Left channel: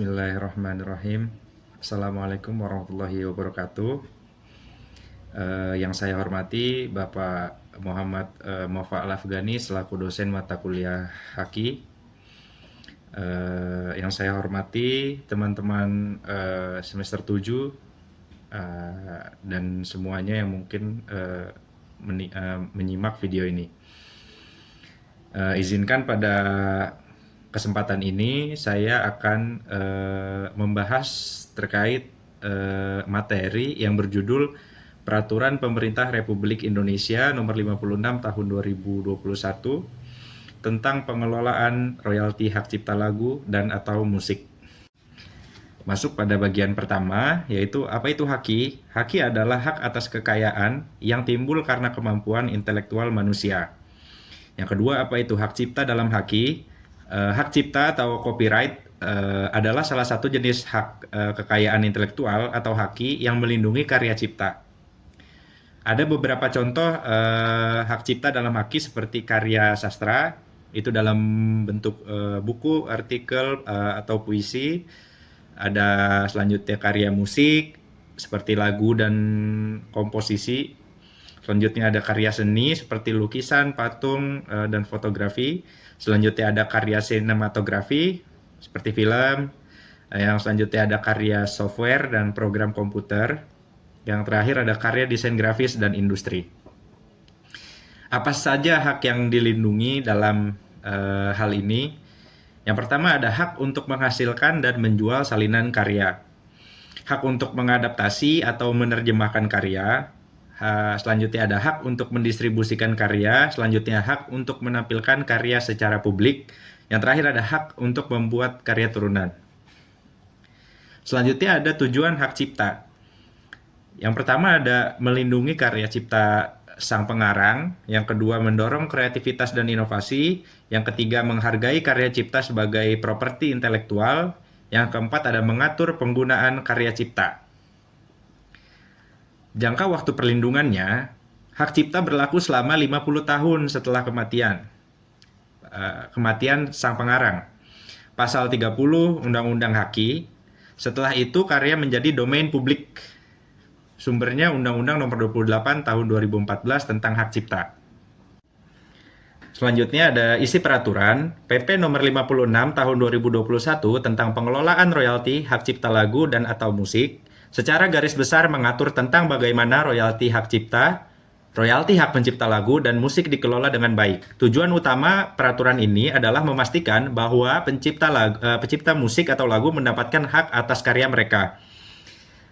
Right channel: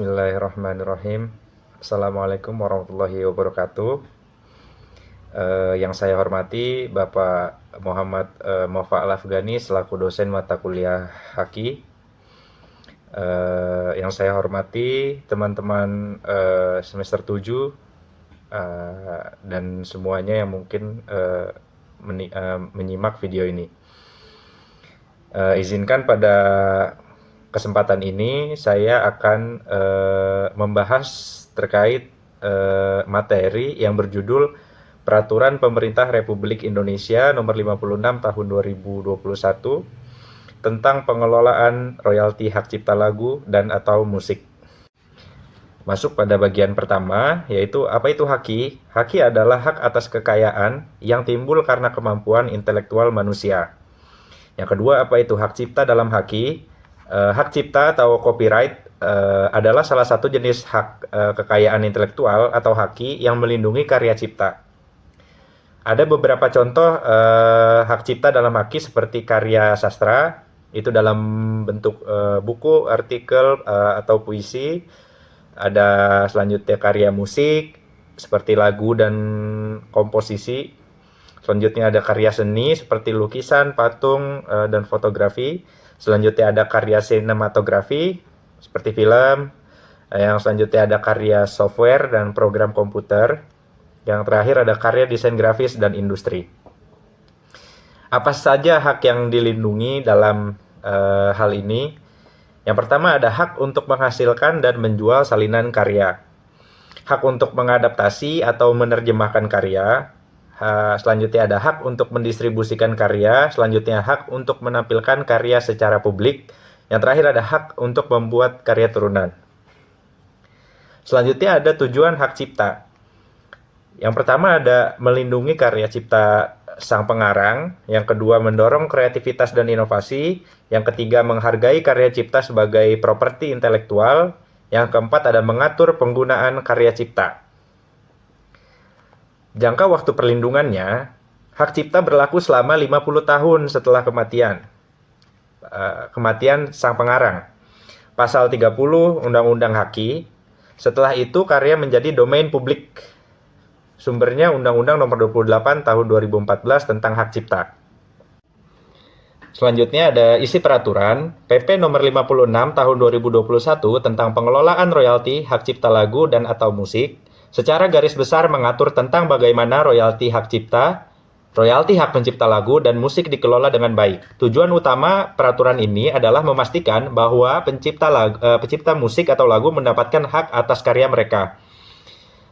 Bismillahirrahmanirrahim. Assalamualaikum warahmatullahi wabarakatuh. Yang saya hormati Bapak Muhammad Mofa Al-Afghani selaku dosen mata kuliah Haki. Yang saya hormati teman-teman semester 7 dan semuanya yang mungkin menyimak video ini. Izinkan pada kesempatan ini saya akan membahas terkait materi yang berjudul Peraturan Pemerintah Republik Indonesia Nomor 56 Tahun 2021 tentang pengelolaan royalti hak cipta lagu dan atau musik. Masuk pada bagian pertama, yaitu apa itu haki? Haki adalah hak atas kekayaan yang timbul karena kemampuan intelektual manusia. Yang kedua, apa itu hak cipta dalam haki? Hak cipta atau copyright adalah salah satu jenis hak kekayaan intelektual atau haki yang melindungi karya cipta. Ada beberapa contoh hak cipta dalam haki seperti karya sastra, itu dalam bentuk buku, artikel, atau puisi. Ada selanjutnya karya musik, seperti lagu dan komposisi. Selanjutnya ada karya seni, seperti lukisan, patung, dan fotografi. Selanjutnya ada karya sinematografi, seperti film. Yang selanjutnya ada karya software dan program komputer. Yang terakhir ada karya desain grafis dan industri. Apa saja hak yang dilindungi dalam hal ini? Yang pertama ada hak untuk menghasilkan dan menjual salinan karya. Hak untuk mengadaptasi atau menerjemahkan karya. Selanjutnya ada hak untuk mendistribusikan karya. Selanjutnya hak untuk menampilkan karya secara publik. Yang terakhir ada hak untuk membuat karya turunan. Selanjutnya ada tujuan hak cipta. Yang pertama ada melindungi karya cipta sang pengarang. Yang kedua mendorong kreativitas dan inovasi. Yang ketiga menghargai karya cipta sebagai properti intelektual. Yang keempat ada mengatur penggunaan karya cipta. Jangka waktu perlindungannya, hak cipta berlaku selama 50 tahun setelah kematian sang pengarang. Pasal 30 Undang-Undang Haki. Setelah itu karya menjadi domain publik. Sumbernya Undang-Undang Nomor 28 Tahun 2014 tentang hak cipta. Selanjutnya ada isi peraturan PP Nomor 56 Tahun 2021 tentang pengelolaan royalti hak cipta lagu dan atau musik. Secara garis besar mengatur tentang bagaimana royalti hak cipta, royalti hak pencipta lagu dan musik dikelola dengan baik. Tujuan utama peraturan ini adalah memastikan bahwa pencipta musik atau lagu mendapatkan hak atas karya mereka.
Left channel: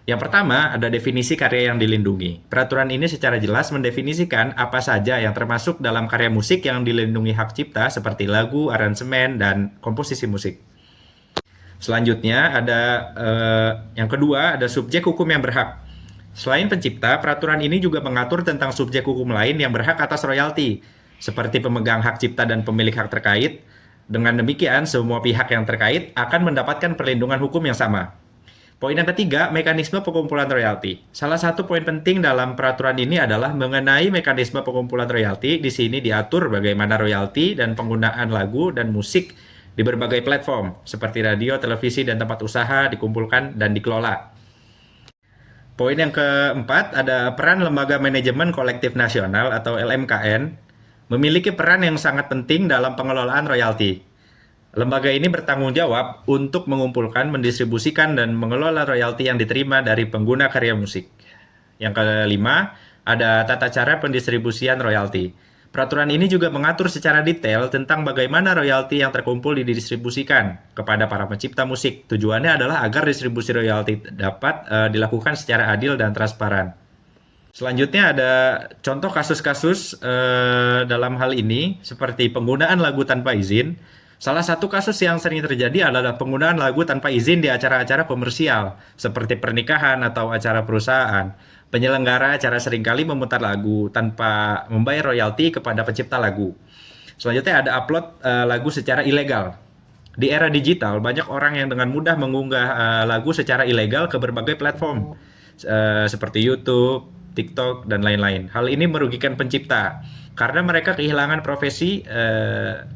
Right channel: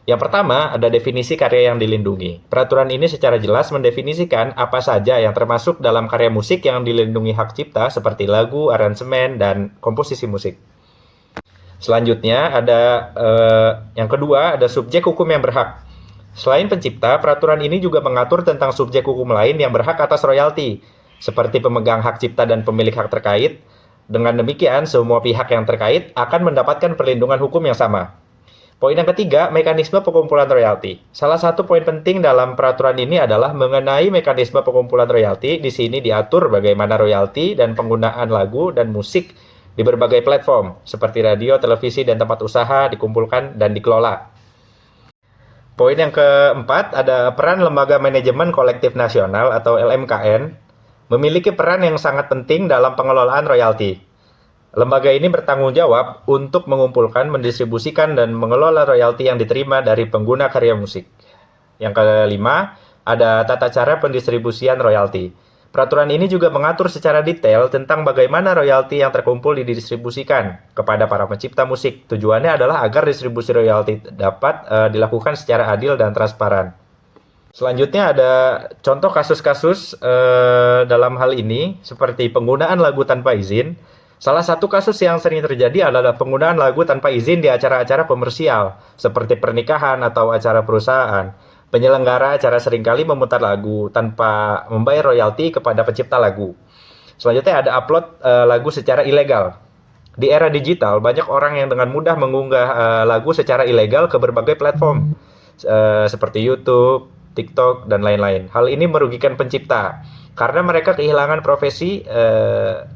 Yang pertama, ada definisi karya yang dilindungi. Peraturan ini secara jelas mendefinisikan apa saja yang termasuk dalam karya musik yang dilindungi hak cipta seperti lagu, aransemen, dan komposisi musik. Selanjutnya ada yang kedua ada subjek hukum yang berhak. Selain pencipta, peraturan ini juga mengatur tentang subjek hukum lain yang berhak atas royalti, seperti pemegang hak cipta dan pemilik hak terkait. Dengan demikian, semua pihak yang terkait akan mendapatkan perlindungan hukum yang sama. Poin yang ketiga, mekanisme pengumpulan royalti. Salah satu poin penting dalam peraturan ini adalah mengenai mekanisme pengumpulan royalti. Di sini diatur bagaimana royalti dan penggunaan lagu dan musik di berbagai platform seperti radio, televisi, dan tempat usaha dikumpulkan dan dikelola. Poin yang keempat ada peran Lembaga Manajemen Kolektif Nasional atau LMKN memiliki peran yang sangat penting dalam pengelolaan royalti. Lembaga ini bertanggung jawab untuk mengumpulkan, mendistribusikan, dan mengelola royalti yang diterima dari pengguna karya musik. Yang kelima ada tata cara pendistribusian royalti. Peraturan ini juga mengatur secara detail tentang bagaimana royalti yang terkumpul didistribusikan kepada para pencipta musik. Tujuannya adalah agar distribusi royalti dapat dilakukan secara adil dan transparan. Selanjutnya ada contoh kasus-kasus dalam hal ini seperti penggunaan lagu tanpa izin. Salah satu kasus yang sering terjadi adalah penggunaan lagu tanpa izin di acara-acara komersial seperti pernikahan atau acara perusahaan. Penyelenggara acara seringkali memutar lagu tanpa membayar royalti kepada pencipta lagu. Selanjutnya ada upload lagu secara ilegal. Di era digital, banyak orang yang dengan mudah mengunggah lagu secara ilegal ke berbagai platform seperti YouTube, TikTok, dan lain-lain. Hal ini merugikan pencipta karena mereka kehilangan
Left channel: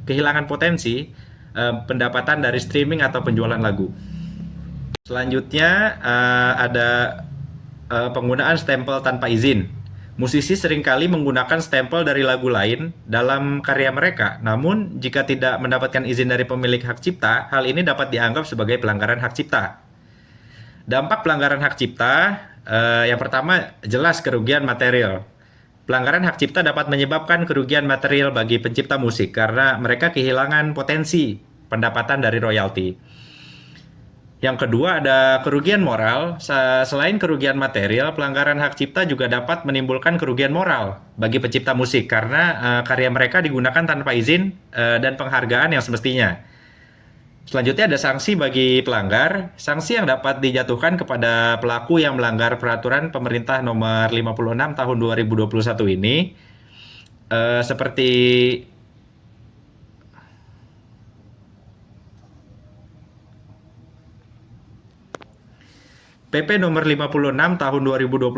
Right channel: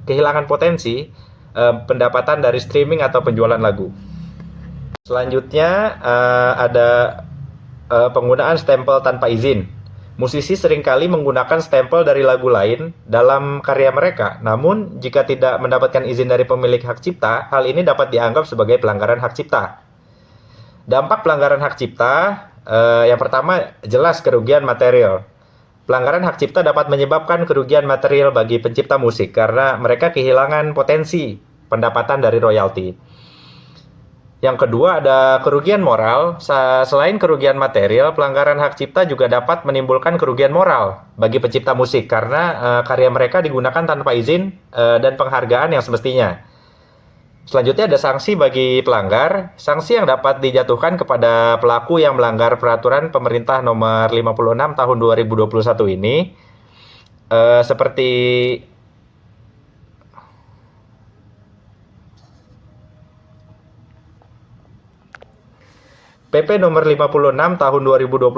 kehilangan potensi pendapatan dari streaming atau penjualan lagu. Selanjutnya ada penggunaan stempel tanpa izin. Musisi seringkali menggunakan stempel dari lagu lain dalam karya mereka. Namun, jika tidak mendapatkan izin dari pemilik hak cipta, hal ini dapat dianggap sebagai pelanggaran hak cipta. Dampak pelanggaran hak cipta, yang pertama jelas kerugian material. Pelanggaran hak cipta dapat menyebabkan kerugian material bagi pencipta musik karena mereka kehilangan potensi pendapatan dari royalti. Yang kedua ada kerugian moral. Selain kerugian material, pelanggaran hak cipta juga dapat menimbulkan kerugian moral bagi pencipta musik karena karya mereka digunakan tanpa izin dan penghargaan yang semestinya. Selanjutnya ada sanksi bagi pelanggar. Sanksi yang dapat dijatuhkan kepada pelaku yang melanggar peraturan pemerintah nomor 56 tahun 2021 ini seperti PP nomor 56 tahun 2021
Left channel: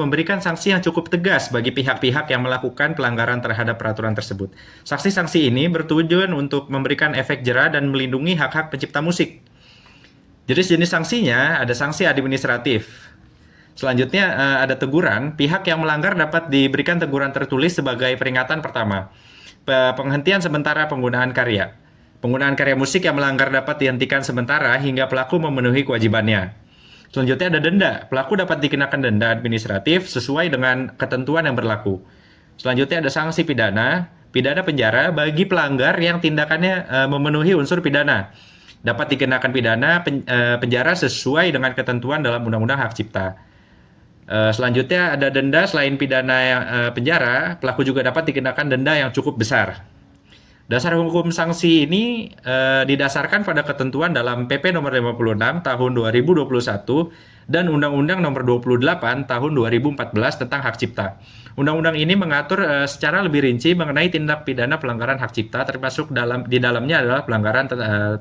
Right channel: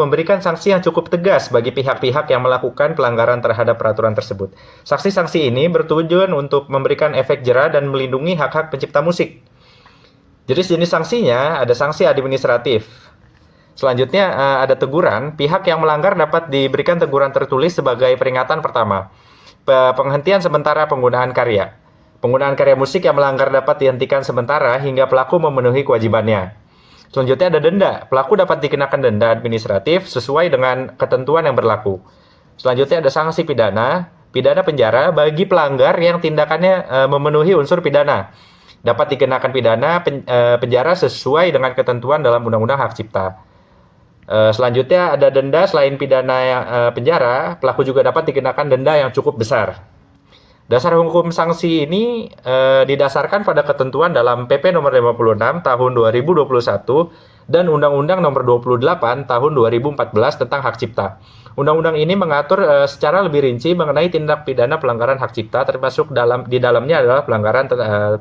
memberikan sanksi yang cukup tegas bagi pihak-pihak yang melakukan pelanggaran terhadap peraturan tersebut. Sanksi-sanksi ini bertujuan untuk memberikan efek jera dan melindungi hak-hak pencipta musik. Jenis-jenis sanksinya ada sanksi administratif. Selanjutnya ada teguran. Pihak yang melanggar dapat diberikan teguran tertulis sebagai peringatan pertama. Penghentian sementara penggunaan karya. Penggunaan karya musik yang melanggar dapat dihentikan sementara hingga pelaku memenuhi kewajibannya. Selanjutnya ada denda. Pelaku dapat dikenakan denda administratif sesuai dengan ketentuan yang berlaku. Selanjutnya ada sanksi pidana. Pidana penjara bagi pelanggar yang tindakannya memenuhi unsur pidana. Dapat dikenakan pidana penjara sesuai dengan ketentuan dalam Undang-Undang Hak Cipta. Selanjutnya ada denda selain pidana penjara, pelaku juga dapat dikenakan denda yang cukup besar. Dasar hukum sanksi ini didasarkan pada ketentuan dalam PP nomor 56 tahun 2021 dan Undang-Undang nomor 28 tahun 2014 tentang hak cipta. Undang-undang ini mengatur secara lebih rinci mengenai tindak pidana pelanggaran hak cipta, termasuk di dalamnya adalah pelanggaran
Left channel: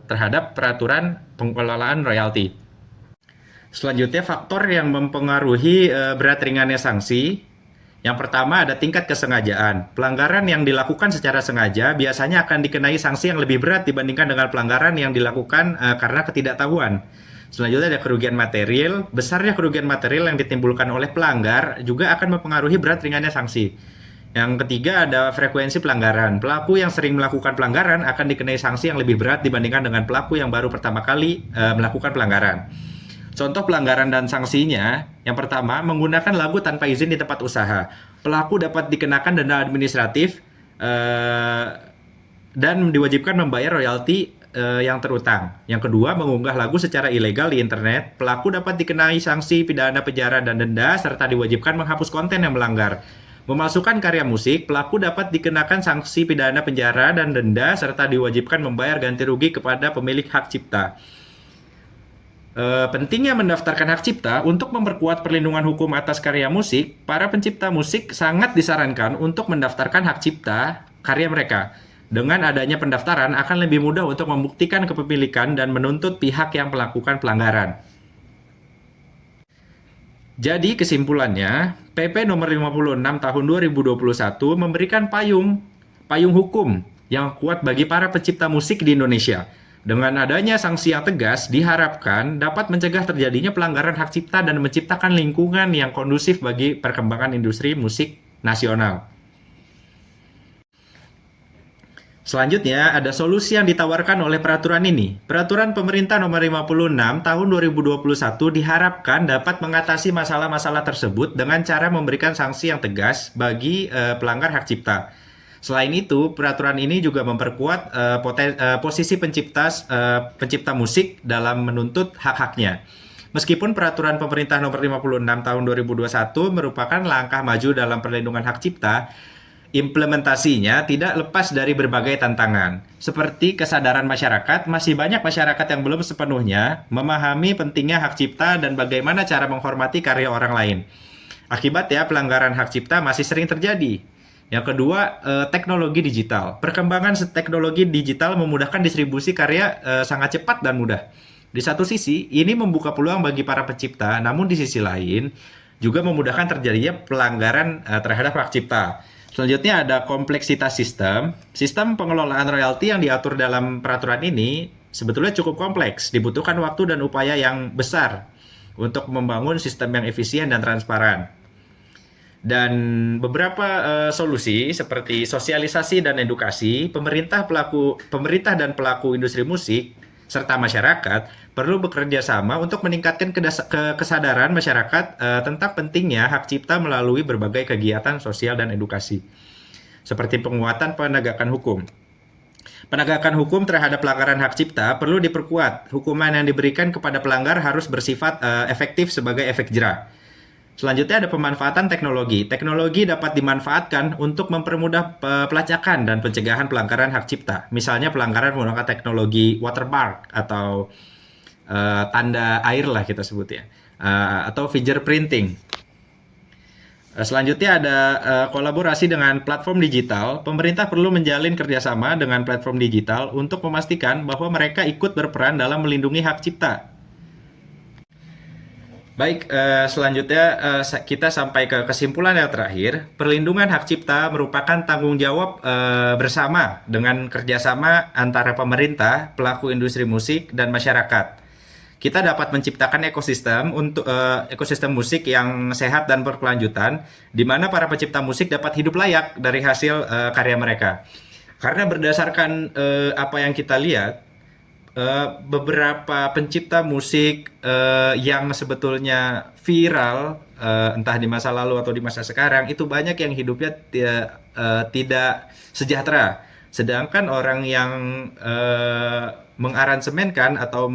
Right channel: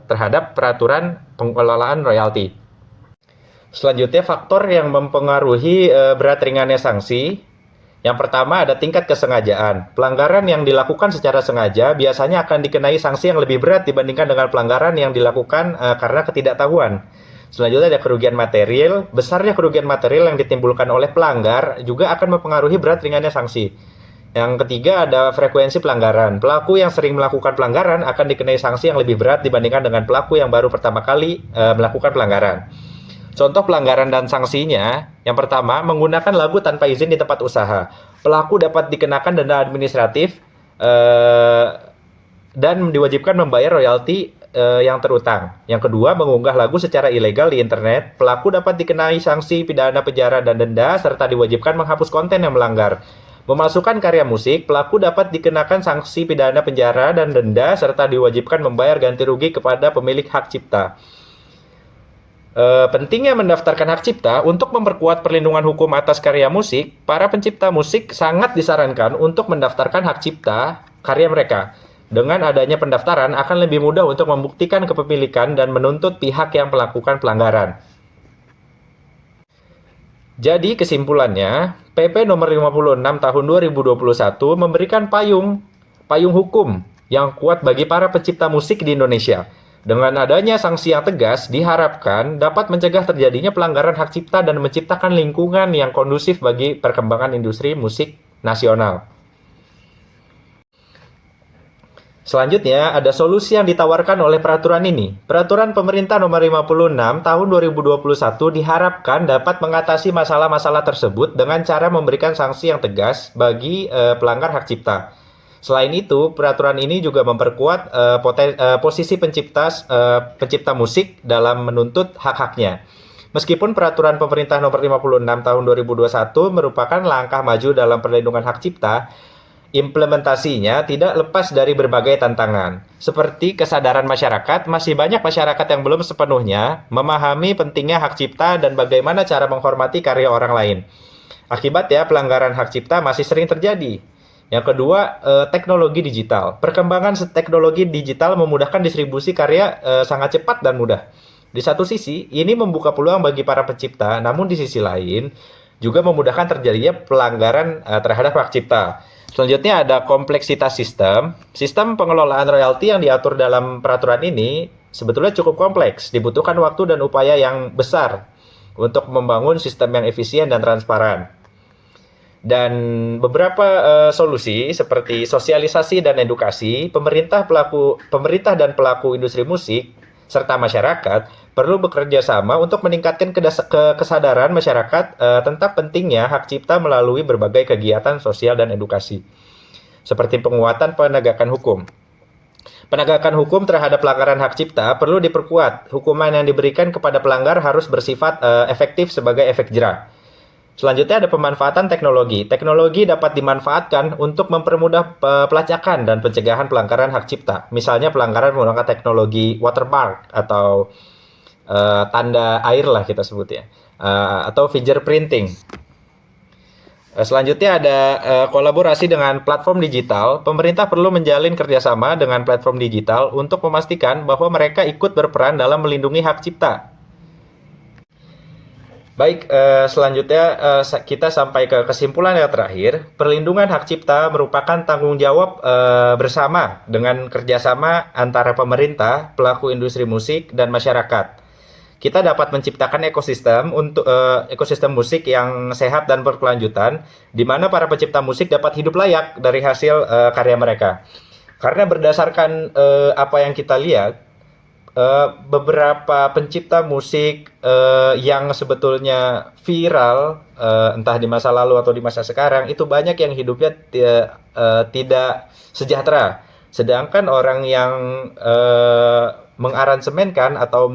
terhadap peraturan pengelolaan royalti. Selanjutnya faktor yang mempengaruhi berat ringannya sanksi. Yang pertama ada tingkat kesengajaan. Pelanggaran yang dilakukan secara sengaja biasanya akan dikenai sanksi yang lebih berat dibandingkan dengan pelanggaran yang dilakukan karena ketidaktahuan. Selanjutnya ada kerugian material. Besarnya kerugian material yang ditimbulkan oleh pelanggar juga akan mempengaruhi berat ringannya sanksi. Yang ketiga ada frekuensi pelanggaran. Pelaku yang sering melakukan pelanggaran akan dikenai sanksi yang lebih berat dibandingkan dengan pelaku yang baru pertama kali melakukan pelanggaran. Contoh pelanggaran dan sanksinya, yang pertama, menggunakan lagu tanpa izin di tempat usaha. Pelaku dapat dikenakan denda administratif dan diwajibkan membayar royalti yang terutang. Yang kedua, mengunggah lagu secara ilegal di internet. Pelaku dapat dikenai sanksi pidana penjara dan denda, serta diwajibkan menghapus konten yang melanggar. Memasukkan karya musik, pelaku dapat dikenakan sanksi pidana penjara dan denda, serta diwajibkan membayar ganti rugi kepada pemilik hak cipta. Pentingnya mendaftarkan hak cipta untuk memperkuat perlindungan hukum atas karya musik, para pencipta musik sangat disarankan untuk mendaftarkan hak cipta karya mereka. Dengan adanya pendaftaran akan lebih mudah untuk membuktikan kepemilikan dan menuntut pihak yang melakukan pelanggaran. Jadi kesimpulannya, PP nomor 56 tahun 2021 memberikan payung hukum yang kuat bagi para pencipta musik di Indonesia. Dengan adanya sanksi yang tegas, diharapkan dapat mencegah terjadinya pelanggaran hak cipta dan menciptakan lingkungan yang kondusif bagi perkembangan industri musik nasional. Selanjutnya, ada solusi yang ditawarkan oleh peraturan ini. Peraturan Pemerintah Nomor 56 Tahun 2021 diharapkan dapat mengatasi masalah-masalah tersebut dengan cara memberikan sanksi yang tegas bagi pelanggar hak cipta. Selain itu, peraturan ini juga memperkuat posisi pencipta musik dalam menuntut hak-haknya. Meskipun peraturan pemerintah nomor 56 tahun 2021 merupakan langkah maju dalam perlindungan hak cipta, implementasinya tidak lepas dari berbagai tantangan. Seperti kesadaran masyarakat, masih banyak masyarakat yang belum sepenuhnya memahami pentingnya hak cipta dan bagaimana cara menghormati karya orang lain. Akibatnya, pelanggaran hak cipta masih sering terjadi. Yang kedua, teknologi digital. Perkembangan teknologi digital memudahkan distribusi karya sangat cepat dan mudah. Di satu sisi, ini membuka peluang bagi para pencipta, namun di sisi lain juga memudahkan terjadinya pelanggaran terhadap hak cipta. Selanjutnya ada kompleksitas sistem. Sistem pengelolaan royalti yang diatur dalam peraturan ini sebetulnya cukup kompleks, dibutuhkan waktu dan upaya yang besar untuk membangun sistem yang efisien dan transparan. Dan beberapa solusi seperti sosialisasi dan edukasi, pemerintah dan pelaku industri musik serta masyarakat perlu bekerja sama untuk meningkatkan kesadaran masyarakat tentang pentingnya hak cipta melalui berbagai kegiatan sosial dan edukasi, seperti penguatan penegakan hukum. Penegakan hukum terhadap pelanggaran hak cipta perlu diperkuat. Hukuman yang diberikan kepada pelanggar harus bersifat efektif sebagai efek jera. Selanjutnya ada pemanfaatan teknologi. Teknologi dapat dimanfaatkan untuk mempermudah pelacakan dan pencegahan pelanggaran hak cipta. Misalnya pelanggaran menggunakan teknologi watermark atau tanda air lah kita sebutnya, atau fingerprinting. Selanjutnya ada kolaborasi dengan platform digital. Pemerintah perlu menjalin kerjasama dengan platform digital untuk memastikan bahwa mereka ikut berperan dalam melindungi hak cipta. Baik, selanjutnya kita sampai ke kesimpulan yang terakhir. Perlindungan hak cipta merupakan tanggung jawab bersama dengan kerjasama antara pemerintah, pelaku industri musik, dan masyarakat. Kita dapat menciptakan ekosistem musik yang sehat dan berkelanjutan, di mana para pencipta musik dapat hidup layak dari hasil karya mereka. Karena berdasarkan apa yang kita lihat, beberapa pencipta musik yang sebetulnya viral, entah di masa lalu atau di masa sekarang, itu banyak yang hidupnya tidak sejahtera. Sedangkan orang yang mengaransemenkan atau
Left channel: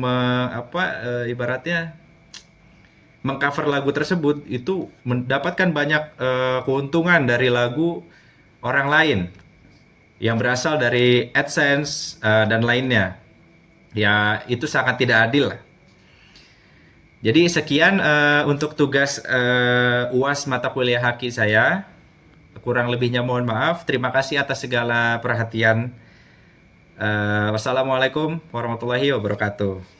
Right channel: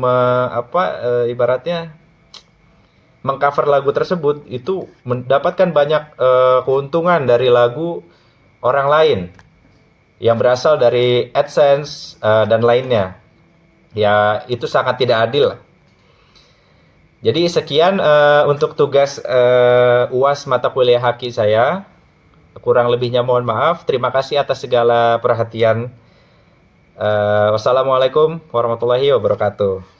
ibaratnya mengcover lagu tersebut itu mendapatkan banyak keuntungan dari lagu orang lain yang berasal dari AdSense dan lainnya. Ya, itu sangat tidak adil. Jadi sekian untuk tugas UAS mata kuliah Haki saya. Kurang lebihnya mohon maaf. Terima kasih atas segala perhatian. Wassalamualaikum warahmatullahi wabarakatuh.